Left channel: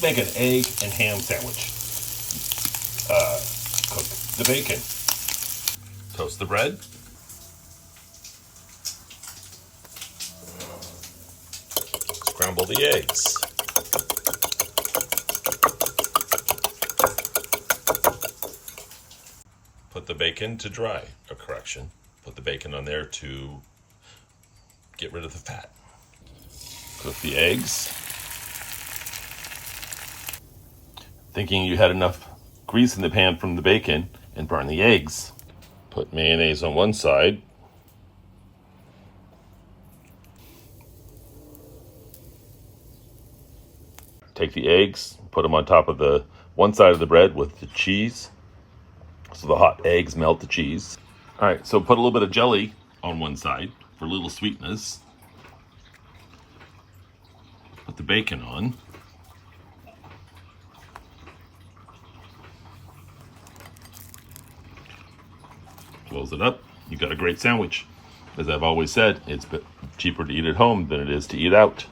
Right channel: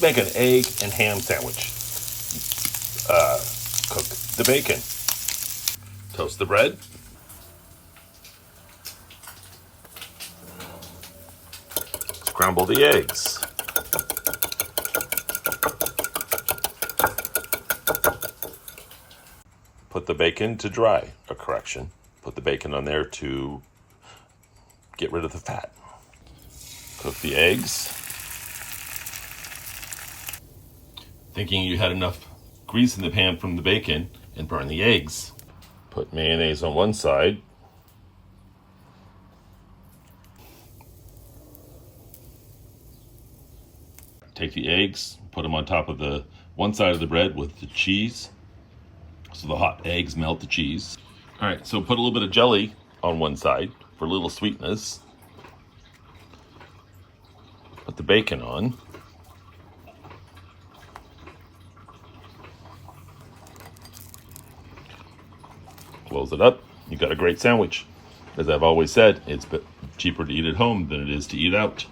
Let's make an egg and ham sandwich. Cook the bacon. Toast the bread. Scramble the eggs. Put the bacon to dry. A correction. Put the bacon on there to get rid of the fat. Cook the eggs. Thinking you had enough grease in the pan from the bacon and burn the eggs. Put mayonnaise on one side. Take the eggs, put them on top of the one side of the bread with the cheese. So the hot eggs melt the cheese. All right, so put a little bit of jelly on one side for a little sweetness. Put the bacon on. Close it up. You've got a great sandwich. As I've always said, it's cheaper to eat at home than it is to eat out.